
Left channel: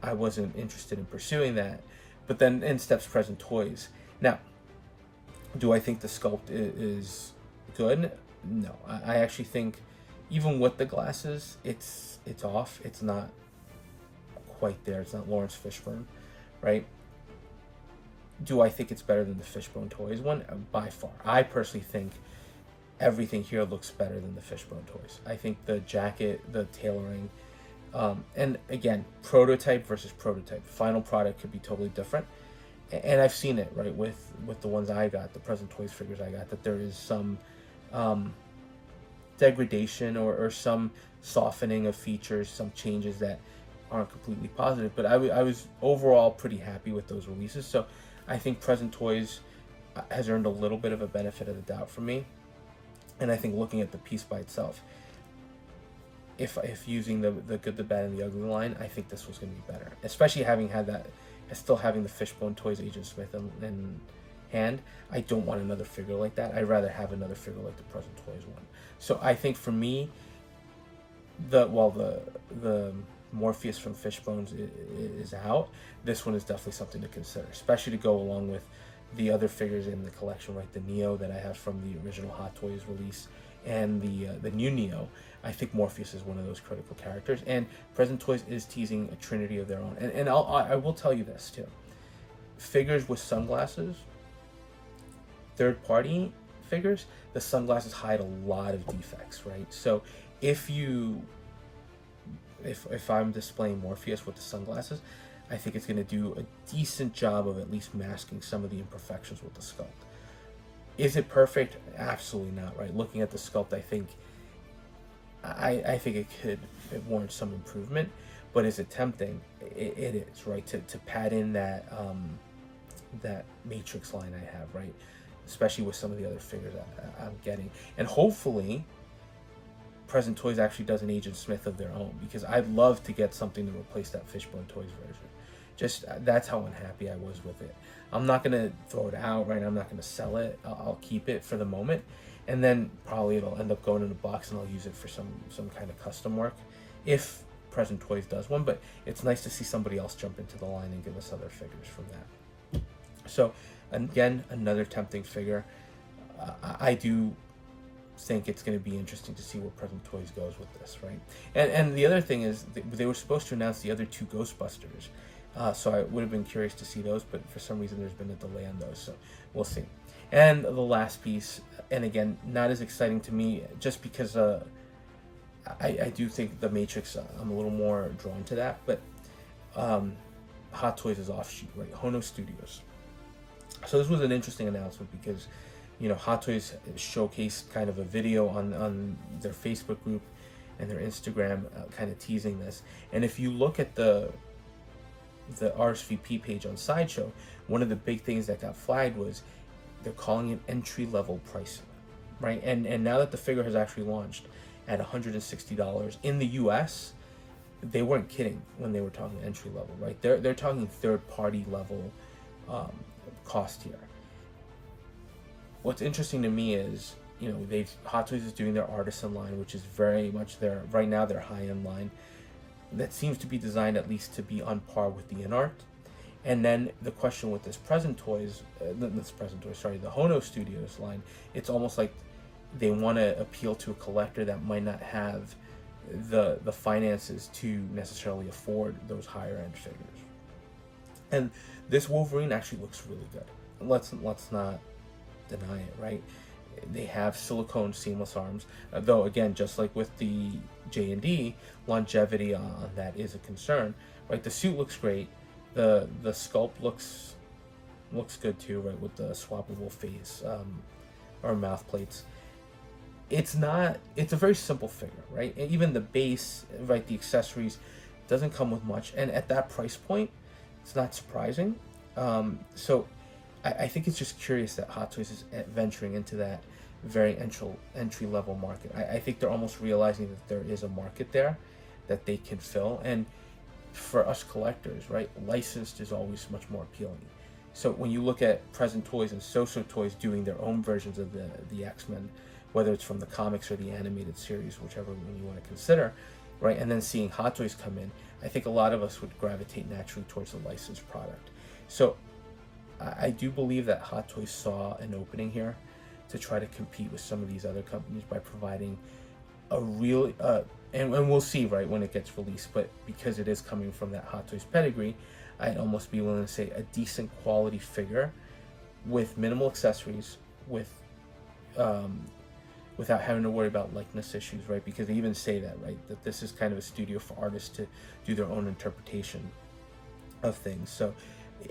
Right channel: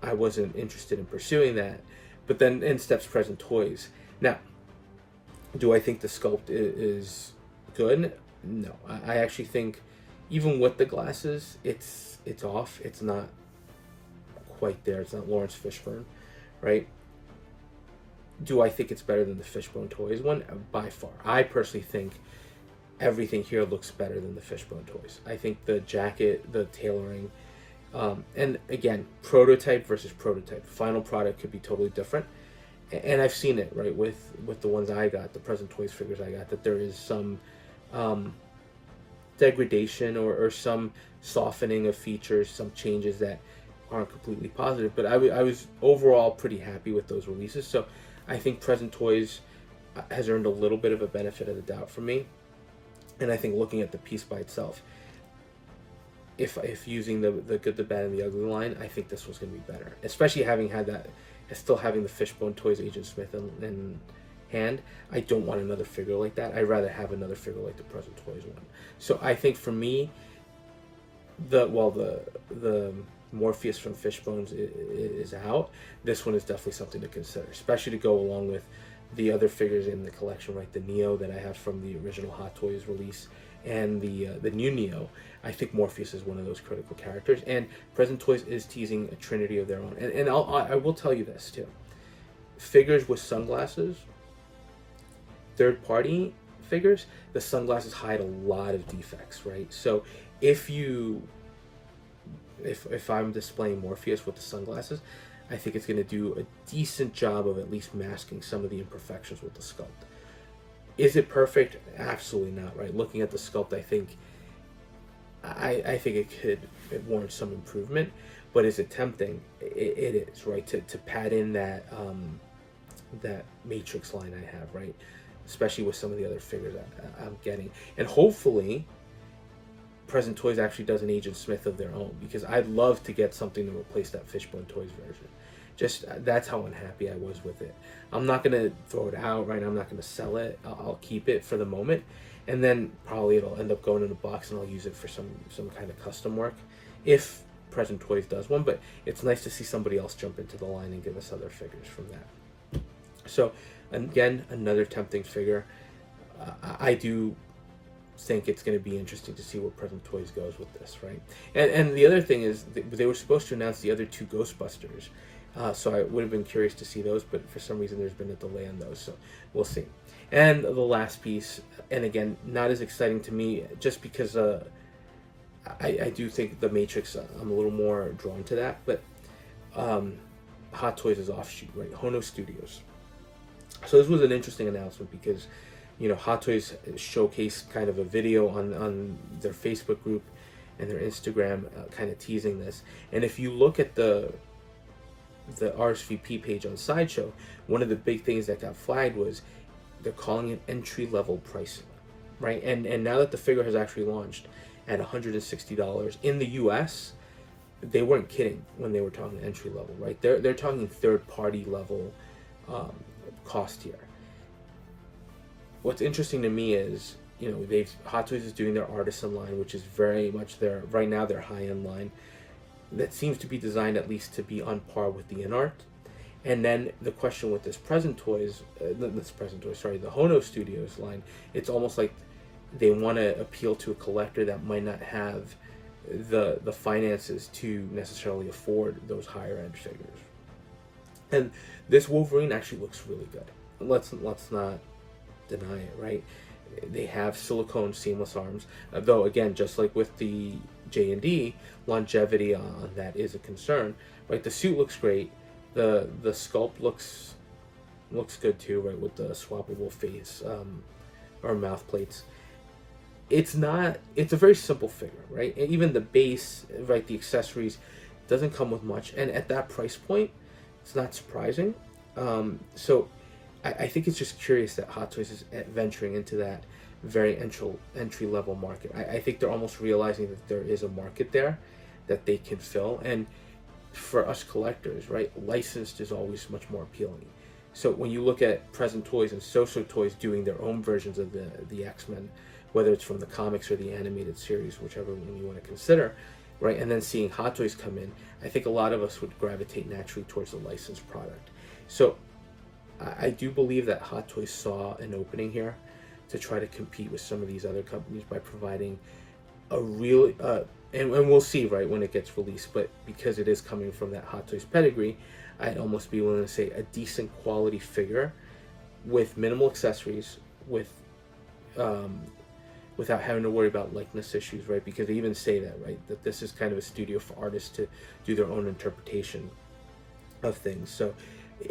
I wasn't interested in pursuing that. But then in steps Present Toys. Now, do I think the sculpt is good? No. I actually think even with the glasses, it's off. It's not quite there. It's not Lawrence Fishburne, right? Do I think it's better than the Fishbone Toys one? By far. I personally think everything here looks better than the Fishbone Toys. I think the jacket, the tailoring, and again, prototype versus prototype. Final product could be totally different. And I've seen it, right, with the ones I got, the Present Toys figures I got, that there is some degradation or some softening of features, some changes that aren't completely positive. But I was overall pretty happy with those releases. So I think Present Toys has earned a little bit of a benefit of the doubt from me. And I think looking at the piece by itself, if using the good, the bad, and the ugly line, I think this was going to be better. Especially having had that, still having the Fishbone Toys Agent Smith in hand. I don't want another figure like that. I'd rather have another figure like the Present Toys one. So I think for me, the Morpheus from Fishbones is out. This one is definitely something to consider, especially to go along with the other figures in the collection, right? The Neo that I have from the original Hot Toys release and the new Neo. I think Morpheus is one of those critical characters, and Present Toys is teasing a trinity of their own. And I will tell you this too: figures with sunglasses, third-party figures, the sunglasses hide a lot of defects, right? So if I'm displaying Morpheus with the sunglasses, I think it's going to do a decent job of at least masking some of the imperfections with the sculpt. Is it perfect? Absolutely not, right? Looking at the sculpt, I think it warrants some improvement. But is it tempting? It is, right? To pad in that Matrix line I have, right? Especially with some of the other figures I'm getting. And hopefully Present Toys actually does an Agent Smith of their own, because I'd love to get something to replace that Fishbone Toys version. Just, that's how unhappy I was with it. I'm not going to throw it out, right? I'm not going to sell it. I'll keep it for the moment, and then probably it'll end up going in a box and I'll use it for some kind of custom work if Present Toys does one. But it's nice to see somebody else jump into the line and give us other figures from that. So again, another tempting figure. I do think it's going to be interesting to see where Present Toys goes with this, right? And the other thing is, they were supposed to announce the other 2 Ghostbusters So I would have been curious to see those, but for some reason there's been a delay on those, so we'll see. And the last piece, and again, not as exciting to me, just because I do think the Matrix, I'm a little more drawn to that, but Hot Toys is offshoot, right? HONO Studios. So this was an interesting announcement because, Hot Toys showcased kind of a video on their Facebook group and their Instagram, kind of teasing this. And if you look at the RSVP page on Sideshow, one of the big things that got flagged was they're calling it entry-level pricing, right? And now that the figure has actually launched at $160 in the US, they weren't kidding when they were talking entry level, right? They're talking third-party level cost here. What's interesting to me is, Hot Toys is doing their Artisan line, which is very much right now their high-end line. That seems to be designed at least to be on par with the InArt. And then the question with the HONO Studios line, it's almost like they want to appeal to a collector that might not have the finances to necessarily afford those higher end figures. And this Wolverine actually looks really good. Let's not deny it, right? They have silicone seamless arms, though again, just like with the J&D, longevity on that is a concern, right? The suit looks great. The sculpt looks good too, right? With the swappable face or mouth plates. It's a very simple figure, right? And even the base, right? The accessories doesn't come with much, and at that price point, it's not surprising. So I think it's just curious that Hot Toys is venturing into that very entry level market. I think they're almost realizing that there is a market there that they can fill, and for us collectors, right, licensed is always much more appealing. So when you look at Present Toys and So-So Toys doing their own versions of the X-Men, whether it's from the comics or the animated series, whichever one you want to consider, right, and then seeing Hot Toys come in, I think a lot of us would gravitate naturally towards the licensed product. So I do believe that Hot Toys saw an opening here to try to compete with some of these other companies by providing a real, and we'll see, right, when it gets released, but because it is coming from that Hot Toys pedigree, I'd almost be willing to say a decent quality figure with minimal accessories, without having to worry about likeness issues, right? Because they even say that, right, that this is kind of a studio for artists to do their own interpretation of things. So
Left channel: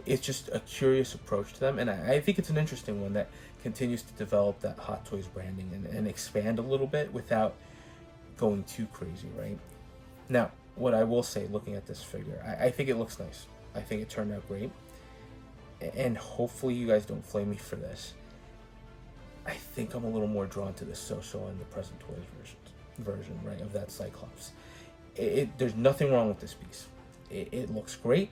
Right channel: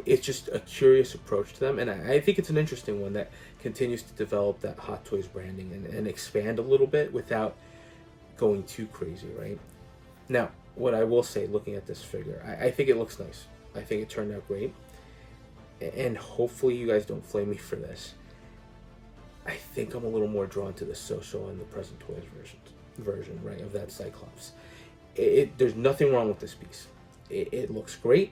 it's just a curious approach to them, and I think it's an interesting one that continues to develop that Hot Toys branding and expand a little bit without going too crazy, right? Now, what I will say, looking at this figure, I think it looks nice. I think it turned out great, and hopefully you guys don't flame me for this. I think I'm a little more drawn to the So-So and the Present Toys version, right, of that Cyclops. There's nothing wrong with this piece. It looks great.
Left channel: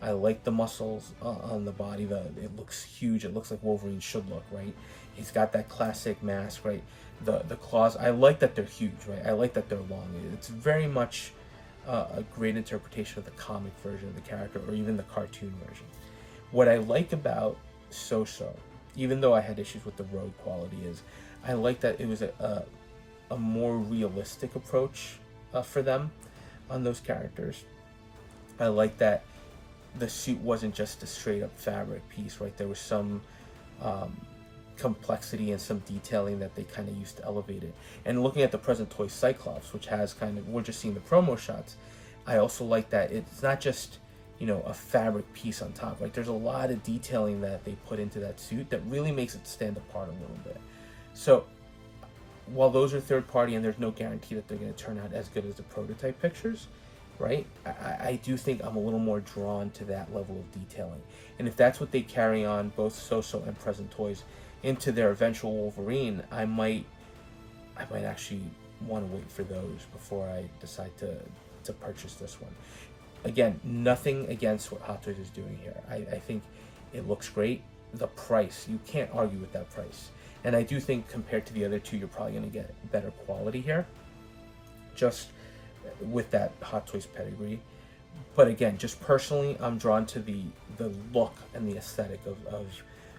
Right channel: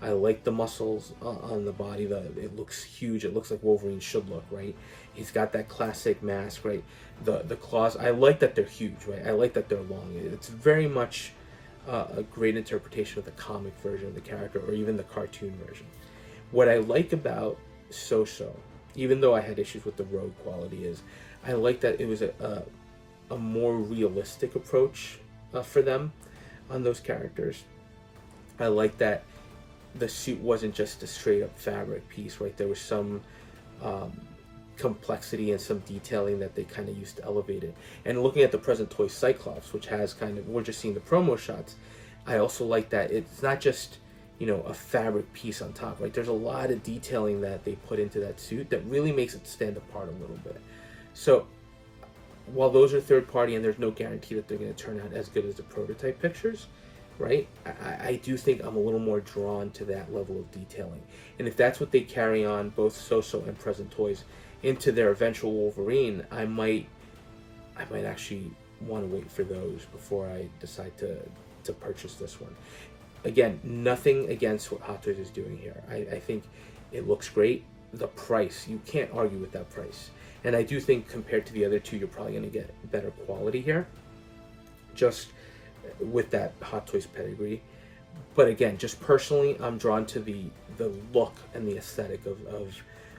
I like the muscles on the body. It looks huge. It looks like Wolverine should look, right? He's got that classic mask, right? The claws. I like that they're huge, right? I like that they're long. It's very much a great interpretation of the comic version of the character, or even the cartoon version. What I like about So-So, even though I had issues with the road quality, is I like that it was a more realistic approach for them on those characters. I like that the suit wasn't just a straight up fabric piece, right? There was some complexity and some detailing that they kind of used to elevate it. And looking at the Present Toy Cyclops, which has we're just seeing the promo shots, I also like that it's not just, a fabric piece on top, right? There's a lot of detailing that they put into that suit that really makes it stand apart a little bit. So while those are third party and there's no guarantee that they're going to turn out as good as the prototype pictures, right, I do think I'm a little more drawn to that level of detailing. And if that's what they carry on, both So-So and Present Toys, into their eventual Wolverine, I might actually want to wait for those before I decide to purchase this one. Again, nothing against what Hot Toys is doing here. I think it looks great. The price, you can't argue with that price. And I do think compared to the other two, you're probably going to get better quality here, just with that Hot Toys pedigree. But again, just personally, I'm drawn to the look and the aesthetic of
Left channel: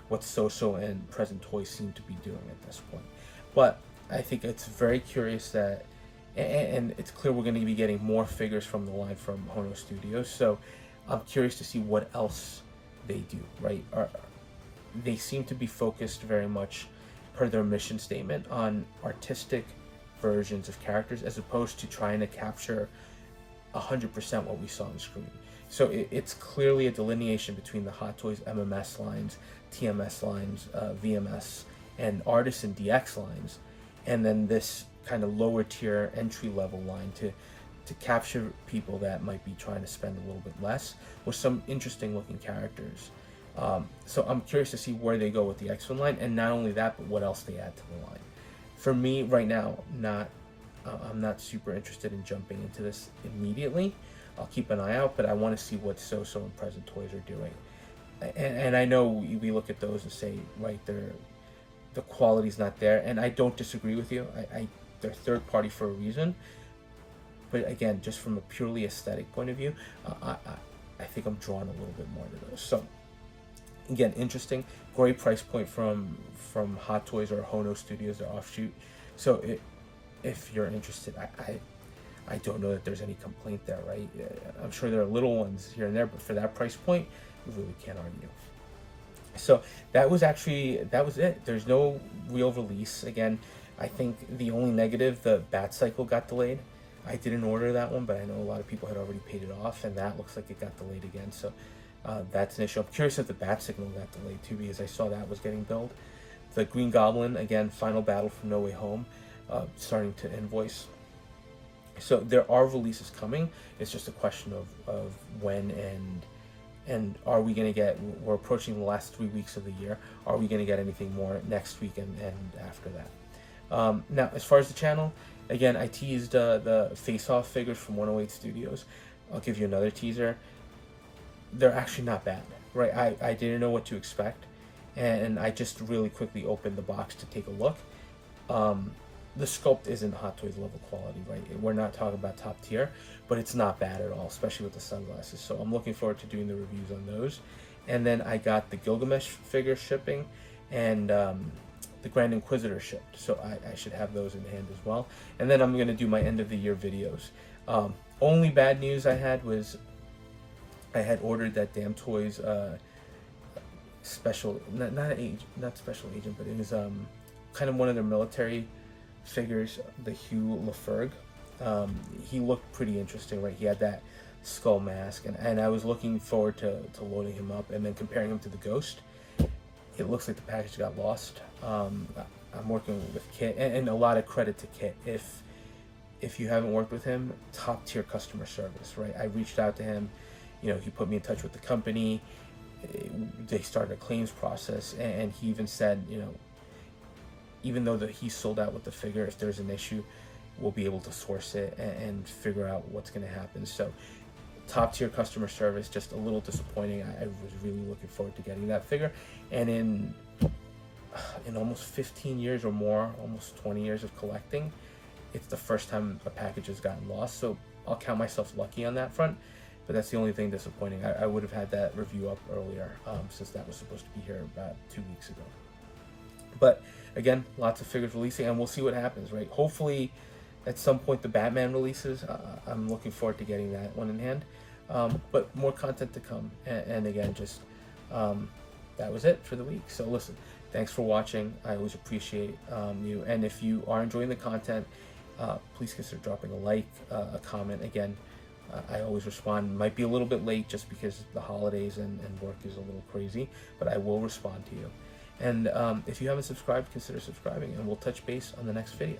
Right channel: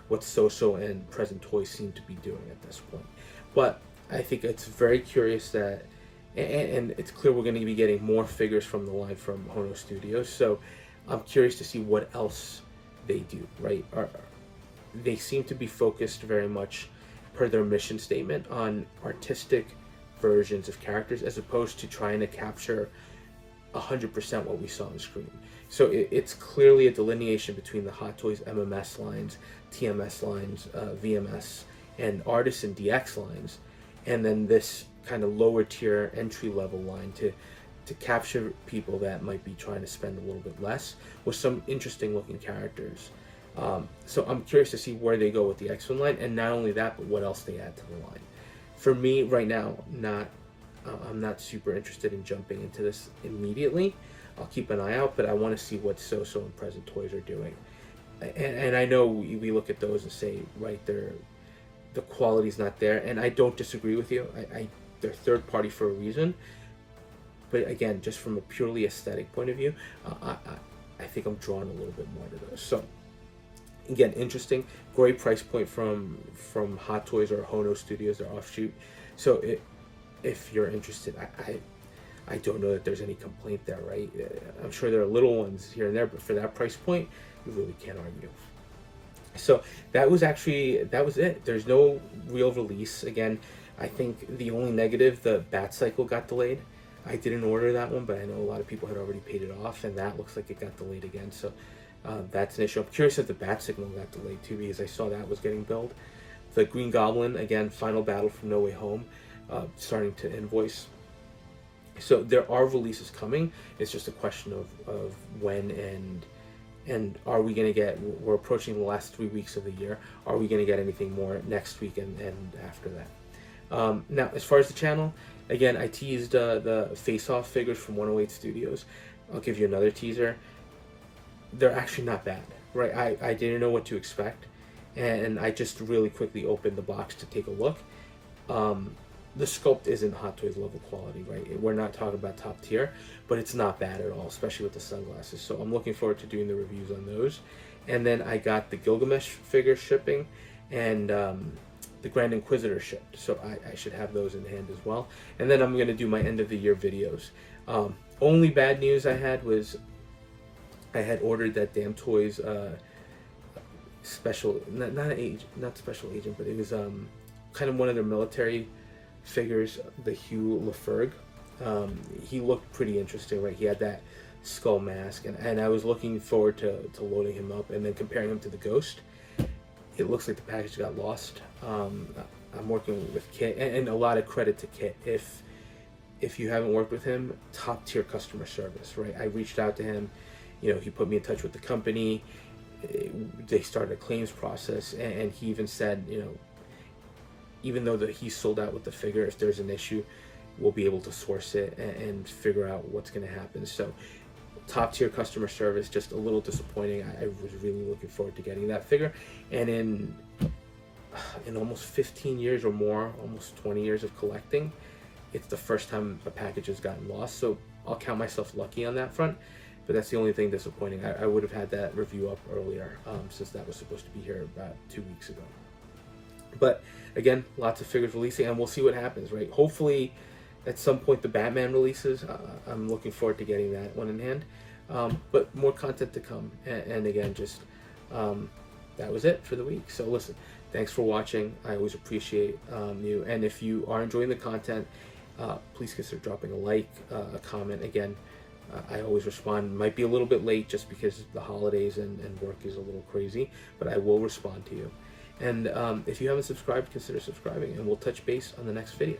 what So-So and Present Toys seem to be doing at this point. But I think it's very curious that, and it's clear we're going to be getting more figures from the line from HONO Studios. So I'm curious to see what else they do, right? They seem to be focused very much, per their mission statement, on artistic versions of characters as opposed to trying to capture 100% what we saw on screen. So it's clearly a delineation between the Hot Toys MMS lines, TMS lines, VMS, and Artisan DX lines, and then this kind of lower tier entry level line to capture people that might be trying to spend a little bit less with some interesting looking characters. So I'm curious to see where they go with the X1 line, and not only that, but what else they add to the line. For me right now, I'm not super interested in jumping into this immediately. I'll keep an eye out, but I want to see what So-So and Present Toys are doing. And I know we look at those and say, right, the quality's not there, and I don't disagree with you. They're third party for a reason. But again, just from a purely aesthetic point of view, I think I'm drawn a little bit more to those. So again, interesting, great price point from Hot Toys or HONO Studios, their offshoot. So if you're interested, I don't know that there's any complaint there, right? I'm sure there are little ones here and there, but for that price point, you really can't argue. So that was it. There's no real release. Again, I think the only negative, the Bat Cycle got delayed. I didn't order that one, but I know a lot of people had already paid it off, and that looks like it got delayed again. So that's an issue. I'm curious if the Bat Signal got delayed too, because I saw that was getting billed. The Green Goblin, again, Final Battle from No Way Home, starting to invoice. So there are releases coming. It's just a question of when and are we going to get, we're approaching the last 3 weeks of the year. Are we going to get anything more next week and after that? Now, as far as the channel, again, I teased the face-off figures from 108 Studios. I'll give you another teaser. They're actually not bad, right? I didn't know what to expect, and I just really quickly opened the box to take a look. The sculpt isn't Hot Toys level quality, right? We're not talking about top tier, but it's not bad at all, especially with the sunglasses. So I'm looking forward to doing the reviews on those. And then I got the Gilgamesh figure shipping, and the Grand Inquisitor shipped. So I should have those in hand as well. And then I'm going to do my end of the year videos. Only bad news I had was I had ordered that Damn Toys special, not special agent, but it was kind of one of their military figures, the Hugh Laferg. He looked pretty interesting, right? He had that skull mask, and I was looking forward to loading him up and then comparing him to the Ghost. It looks like the package got lost. I'm working with Kit, and a lot of credit to Kit. If you haven't worked with him, top tier customer service, right? I reached out to him, he put me in touch with the company. They started a claims process, and he even said, even though he's sold out with the figure, if there's an issue, we'll be able to source it and figure out what's going to happen. So top tier customer service, just a little disappointing. I was really looking forward to getting that figure. And in almost 15 years or more, almost 20 years of collecting, it's the first time a package has gotten lost. So I'll count myself lucky on that front. But that's the only thing disappointing. I would have had that review up earlier, since that was supposed to be here about 2 weeks ago. But again, lots of figures releasing, and we'll see what happens, right? Hopefully, at some point, the Batman releases. I'm looking forward to getting that one in hand. But more content to come. And again, just that was it for the week. So listen, thanks for watching. I always appreciate you. And if you are enjoying the content, please consider dropping a like, a comment. Again, I always respond. Might be a little bit late just because the holidays and work is a little crazy, but I will respond to you. And if you haven't subscribed, consider subscribing, and we'll touch base on the next video.